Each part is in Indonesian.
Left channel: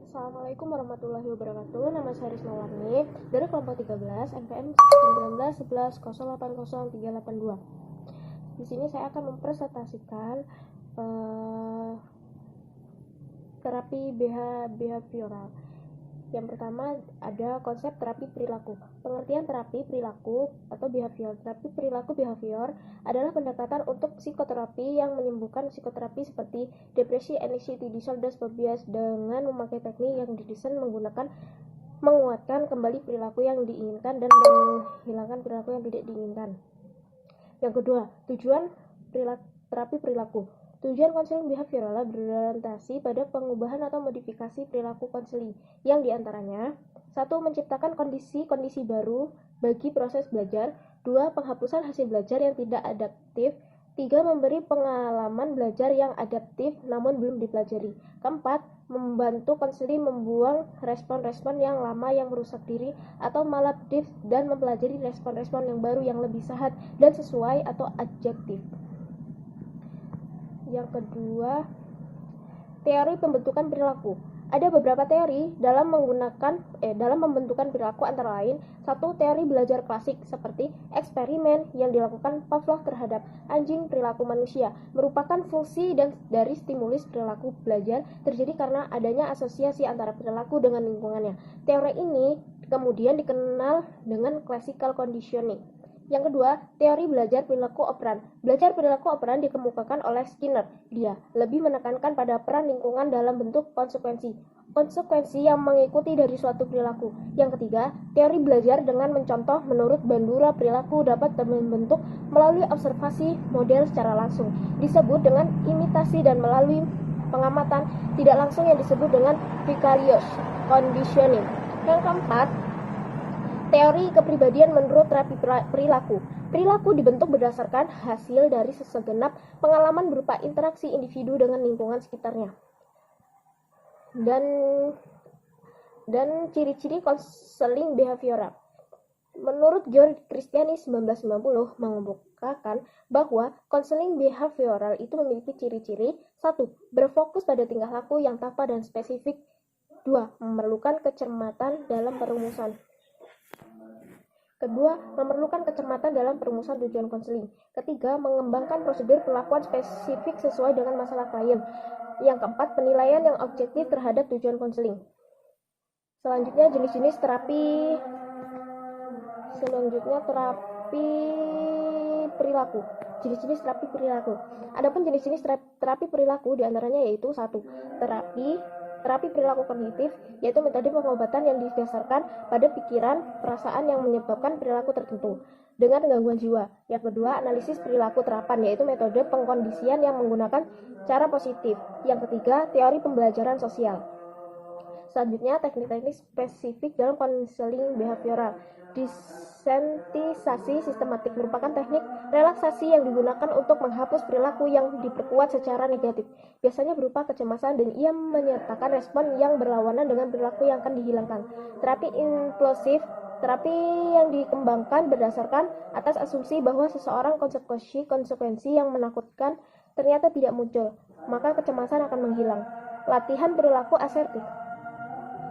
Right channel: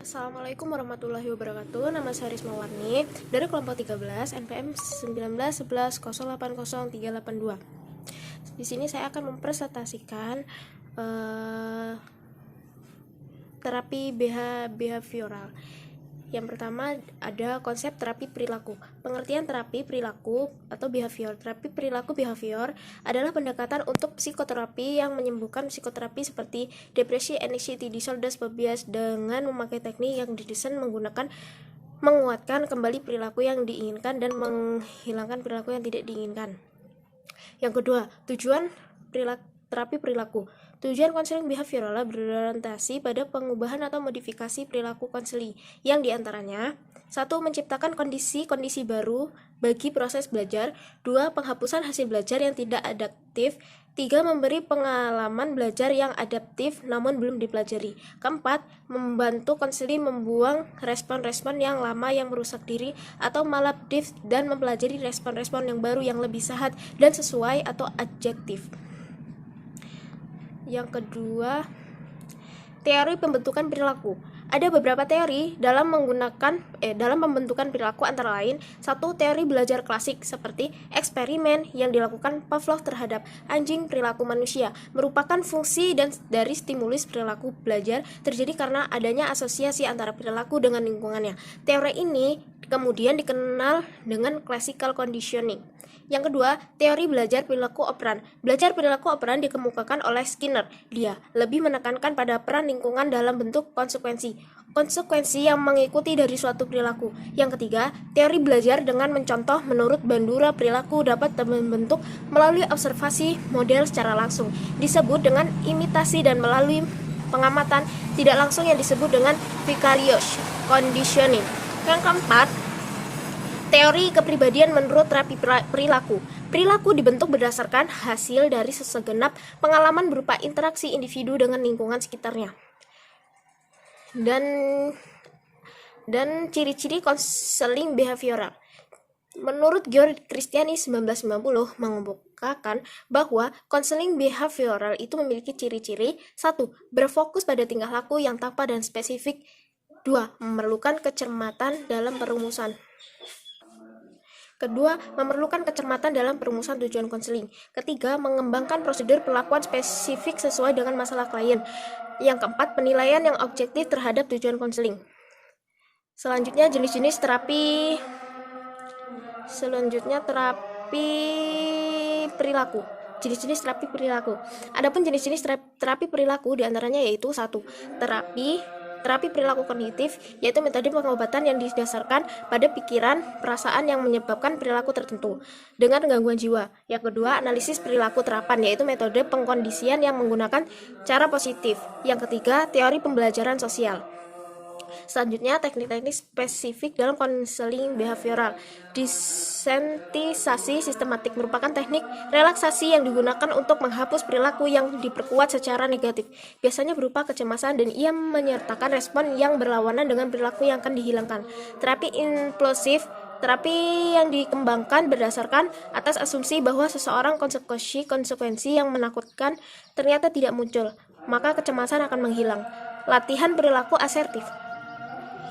Assalamualaikum warahmatullahi wabarakatuh. Nama saya Risma Warni dari kelompok 13 NPM 1911080382. Di sini saya akan mempresentasikan terapi behavioral. Yang pertama ada konsep terapi perilaku. Pengertian terapi perilaku atau behavior. Terapi perilaku behavior adalah pendekatan untuk psikoterapi yang menyembuhkan psikoterapi seperti depresi, anxiety disorder, phobias dengan memakai teknik yang didesain menguatkan kembali perilaku yang diinginkan dan menghilangkan perilaku yang tidak diinginkan. Yang kedua, tujuan terapi perilaku. Tujuan konseling behavioral berorientasi pada pengubahan atau modifikasi perilaku konseling yang diantaranya 1. Menciptakan kondisi-kondisi baru bagi proses belajar. 2. Penghapusan hasil belajar yang tidak adaptif. 3. Memberi pengalaman belajar yang adaptif namun belum dipelajari. 4. Membantu konseling membuang respon-respon yang lama yang merusak diri atau maladaptif dan mempelajari respon-respon yang baru yang lebih sehat dan sesuai atau adjektif. Yang kedua, teori pembentukan perilaku. Ada beberapa teori dalam pembentukan perilaku, antara lain 1. Teori belajar klasik seperti eksperimen yang dilakukan Pavlov terhadap anjing perilaku manusia merupakan fungsi dari stimulus perilaku belajar terjadi karena adanya asosiasi antara perilaku dengan lingkungannya. Teori ini kemudian dikenal dengan classical conditioning. Yang kedua, teori belajar perilaku operan. Belajar perilaku operan dikemukakan oleh Skinner. Dia lebih menekankan pada peran lingkungan dalam bentuk konsekuensi yang mengikuti dari suatu perilaku. Yang ketiga, teori belajar dengan mencontoh menurut Bandura perilaku dapat membentuk melalui observasi model secara langsung, disebut dengan imitasi, dan melalui pengamatan tidak langsung yang disebut dengan vicarious conditioning. Yang keempat, teori kepribadian menurut terapi perilaku. Perilaku dibentuk berdasarkan hasil dari segenap pengalaman berupa interaksi individu dengan lingkungan sekitarnya. Dan ciri-ciri konseling behavioral. Menurut George Christiani 1990 mengemukakan bahwa konseling behavioral itu memiliki ciri-ciri 1. Berfokus pada tingkah laku yang tampak dan spesifik. 2. Memerlukan kecermatan dalam perumusan. Kedua, memerlukan kecermatan dalam perumusan tujuan konseling. Ketiga, mengembangkan prosedur perlakuan spesifik sesuai dengan masalah klien. Yang keempat, penilaian yang objektif terhadap tujuan konseling. Selanjutnya, jenis-jenis terapi perilaku. Jenis-jenis terapi perilaku. Adapun jenis-jenis terapi perilaku diantaranya yaitu 1. Terapi perilaku kognitif, yaitu metode pengobatan yang didasarkan pada pikiran, perasaan yang menyebabkan perilaku tertentu dengan gangguan jiwa. Yang kedua, analisis perilaku terapan, yaitu metode pengkondisian yang menggunakan cara positif. Yang ketiga, teori pembelajaran sosial. Selanjutnya, teknik-teknik spesifik dalam konseling behavioral. Desensitisasi sistematik merupakan teknik relaksasi yang digunakan untuk menghapus perilaku yang diperkuat secara negatif, biasanya berupa kecemasan, dan ia menyertakan respon yang berlawanan dengan perilaku yang akan dihilangkan. Terapi implosif, terapi yang dikembangkan berdasarkan atas asumsi bahwa seseorang konsekuensi yang menakutkan ternyata tidak muncul, maka kecemasan akan menghilang. Latihan perilaku asertif,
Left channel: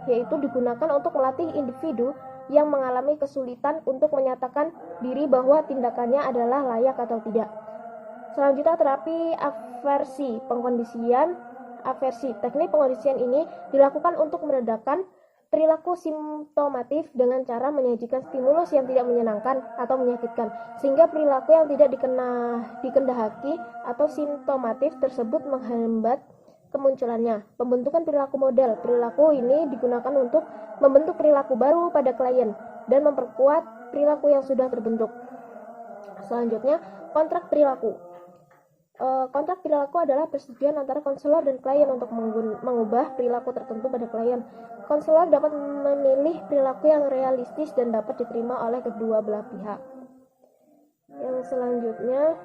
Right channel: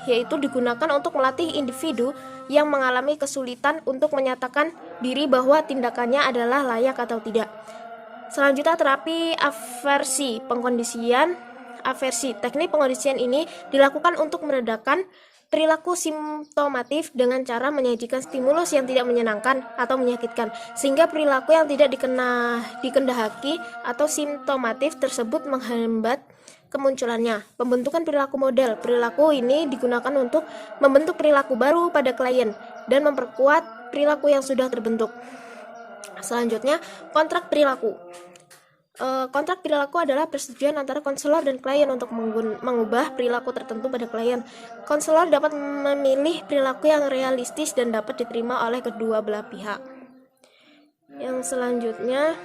yaitu digunakan untuk melatih individu yang mengalami kesulitan untuk menyatakan diri bahwa tindakannya adalah layak atau tidak. Selanjutnya, terapi aversi, aversi. Teknik pengkondisian ini dilakukan untuk meredakan perilaku simptomatif dengan cara menyajikan stimulus yang tidak menyenangkan atau menyakitkan, sehingga perilaku yang tidak dikendaki atau simptomatif tersebut menghambat kemunculannya. Pembentukan perilaku model. Perilaku ini digunakan untuk membentuk perilaku baru pada klien dan memperkuat perilaku yang sudah terbentuk. Selanjutnya, kontrak perilaku. Kontrak perilaku adalah persetujuan antara konselor dan klien untuk mengubah perilaku tertentu pada klien. Konselor dapat memilih perilaku yang realistis dan dapat diterima oleh kedua belah pihak. Yang selanjutnya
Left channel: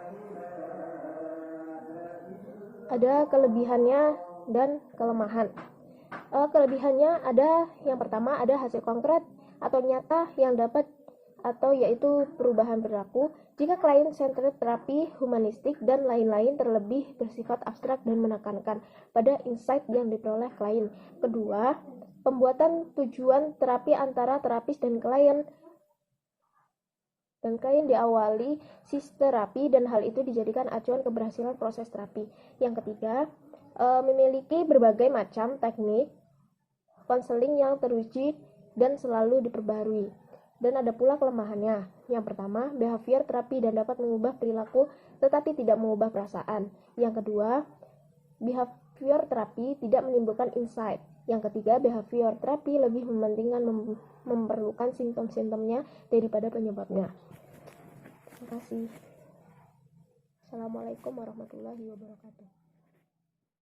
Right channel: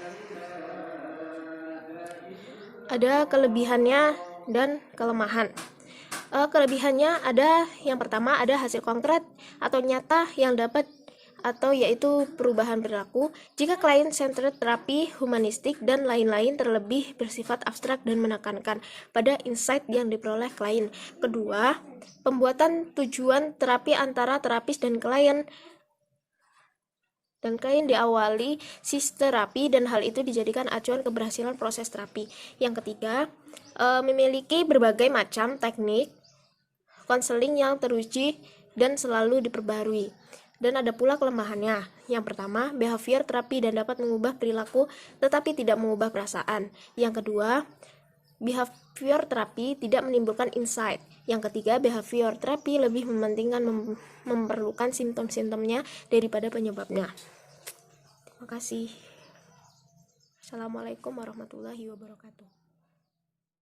ada kelebihannya dan kelemahan. Kelebihannya ada, yang pertama ada hasil konkret atau nyata yang dapat atau yaitu perubahan perilaku, jika client-centered terapi humanistik dan lain-lain terlebih bersifat abstrak dan menekankan pada insight yang diperoleh klien. Kedua, pembuatan tujuan terapi antara terapis dan klien diawali terapi dan hal itu dijadikan acuan keberhasilan proses terapi. Yang ketiga, memiliki berbagai macam teknik konseling yang teruji dan selalu diperbarui. Dan ada pula kelemahannya. Yang pertama, behavior terapi dan dapat mengubah perilaku tetapi tidak mengubah perasaan. Yang kedua, behavior terapi tidak menimbulkan insight. Yang ketiga, behavior terapi lebih mementingkan memerlukan simptom-simptomnya daripada penyebabnya. Terima kasih. Assalamualaikum warahmatullahi wabarakatuh.